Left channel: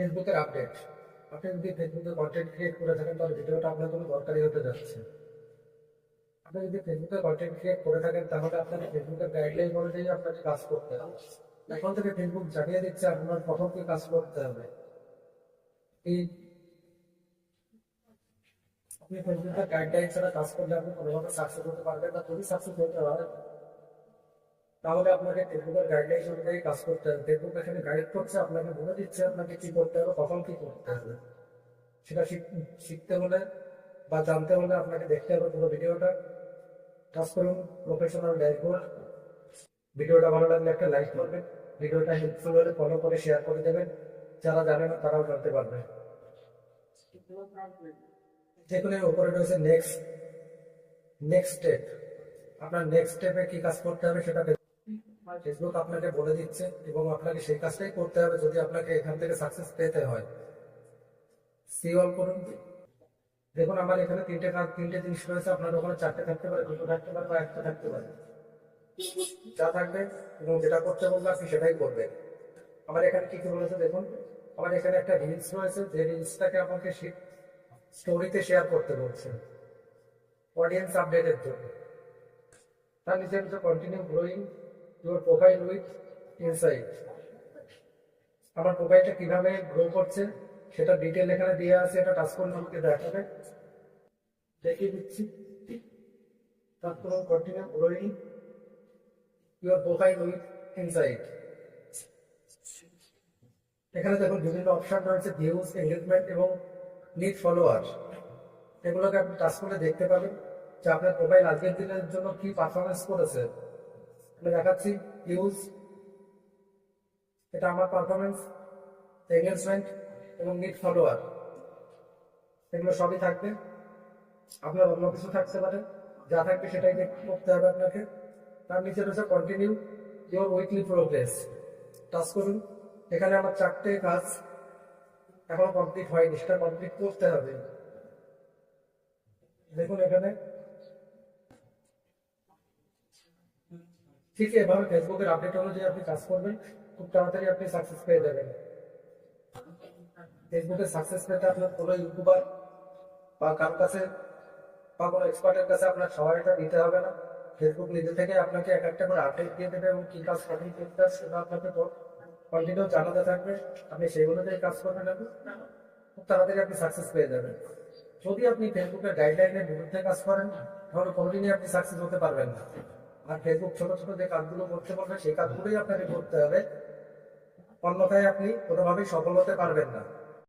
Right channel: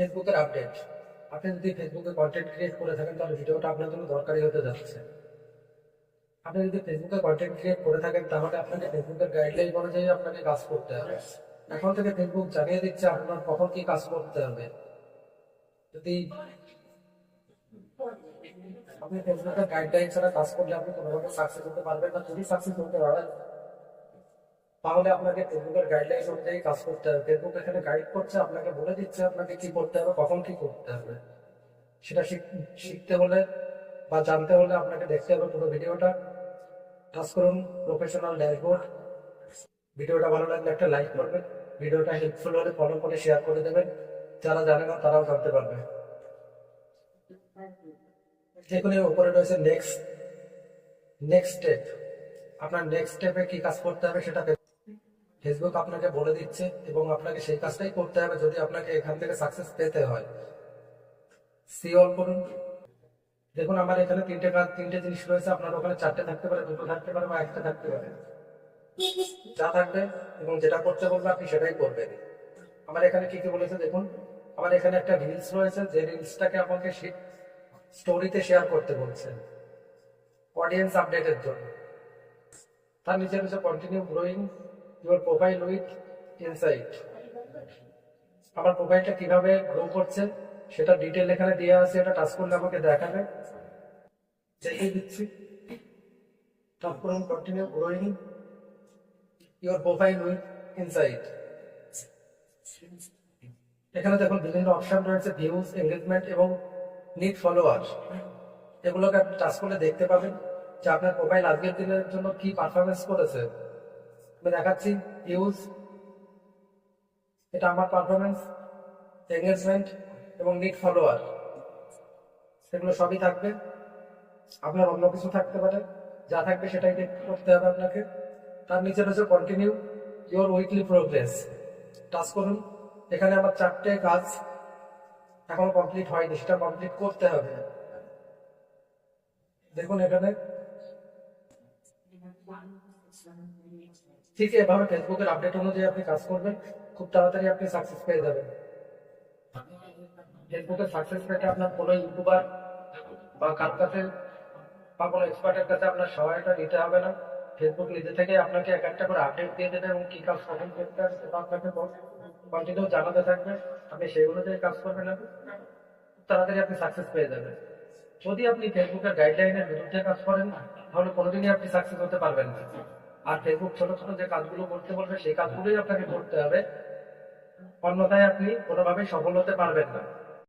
ফেসবুকের আপডেট। আপনি যদি ফেসবুকে কন্টেন্ট ক্রিয়েট করে থাকেন তাহলে ভিডিওটা আপনার জন্য দরকারি হতে যাচ্ছে। আপনি যদি ফেসবুকে কন্টেন্ট ক্রিয়েট করে থাকেন তাহলে আপনাকে ফেসবুকের গাইডলাইন অনুযায়ী আপনাকে কাজ করতে হবে। এখন থেকে ফেসবুক জানিয়ে দিচ্ছে আপনার কখন কি কাজ করতে হবে। যদি আপনি ফেসবুকের গাইডলাইন ছাড়া কাজ করলে আপনি কোনোভাবে সাকসেস হতে পারবেন না। যদি সাকসেস হতে হয় তাহলে আপনাকে ফেসবুকের গাইডলাইন অনুযায়ী কাজ করতে হবে। ফেসবুক এখানে গাইড করছে, আপনাকে বলে দিচ্ছে আপনাকে কি করতে হবে, কখন কি করতে হবে। সেটা শিখতে হলে বা জানতে হলে আপনাকে দেখতে হবে পুরো ভিডিওটা। কাজ করুন প্রফেশনাল ড্যাশবোর্ড। ভিডিওটা ভালো লাগলে একটা লাইক করবেন, ভিডিওটা হেল্পফুল হলে ফলো করে শেয়ার করে দেবেন। যারা জানে না তারাও জানতে পারবে। দেখুন এই উপরে রয়েছে নেক্সট স্টেপ। আপনার নেক্সট স্টেপে কি কাজ করতে হবে সেটা ফেসবুক আপনাকে বলে দিচ্ছে এবং আপনাকে সেই কাজটাই করতে হবে যদি আপনাকে এখান থেকে সাকসেস পেতে হয়। সি অল করুন। দেখুন আমার এখানে তিনটে জিনিস রয়েছে, আপনার ওখানে চারটে থাকতে পারে, দুটো থাকতে পারে বা একটা থাকতে পারে। যা থাকবে এবং যেটা করতে বলবে আপনি সেটাই করবেন। আমার এখানে কি কি বলেছে দেখুন। আমার এখানে একটা রিলস রয়েছে, যে রিলসটাকে আমাকে স্টোরিতে শেয়ার করতে বলছে অডিয়েন্স আপডেটের জন্য। তার নিচে রয়েছে continue growing your profile with insight. আমার প্রোফাইলটা কিভাবে গ্রো করছে সেটা ডিটেল এখানে দিয়ে আছে, এটা টাচ করলে আমাকে দেখাবে। দেখিয়ে দিচ্ছি। টাচ করুন continue growing your profile with insight. এখানে দেখুন বিভিন্ন অপশন রয়েছে, ভিউজ, এঙ্গেজমেন্ট এবং নিড ফলোয়ার। এগুলোকে আপনি টাচ করলে দেখতে পাবেন যে আপনার প্রোফাইল আজকের দিনের জন্য কি পারফরমেন্স করেছে। আমি দেখাচ্ছি ভিউজ, এটা আমার পারফরমেন্স, এঙ্গেজমেন্ট এবং নিড ফলোয়ার, এগুলো সবই থাকবে। আপনার অন্য কিছু থাকতে পারে, যা থাকবে সেটাই করতে হবে আপনাকে। তার নিচে রয়েছে continue your weekly progress. Touch করুন। এখানে আমার 4টে কাজ এখনো কমপ্লিট হয়নি, সেটা কমপ্লিট করতে হবে। দেখুন এখানে ঠিক এভাবে ফেসবুকের আপডেট অনুযায়ী আপনি কাজ করবেন, খুব তাড়াতাড়ি আপনি সাকসেস পেয়ে যাবেন। ফেসবুকে সাকসেস পেতে আপনার কোনো ইউটিউবার বা কারোর কাছে বা কোনো এক্সপার্টের কাছে আপনার সহায়তা নিতে হবে না। ফেসবুক নিজে থেকে আপনাকে এক একটা করে আপডেট দিয়ে দেবে এবং কি কাজ কখন করতে হবে সেটা আপনাকে কন্টিনিউ জানাতে থাকবে। আপনি সেই অনুযায়ী কাজ করবেন, খুব তাড়াতাড়ি আপনি সাকসেস পেয়ে যাবেন। যদি আপনি ফেসবুকের গাইডলাইনের বিরুদ্ধে কাজ করেন তাহলে কোনোদিনই আপনি সাকসেস হতে পারবেন না। আর ফেসবুক ছোট ছোট যে কাজগুলো করতে বলবে সেই কাজগুলোই আপনাকে করতে হবে, অন্যথায় আপনি কোনোভাবেই সফল হতে পারবেন না।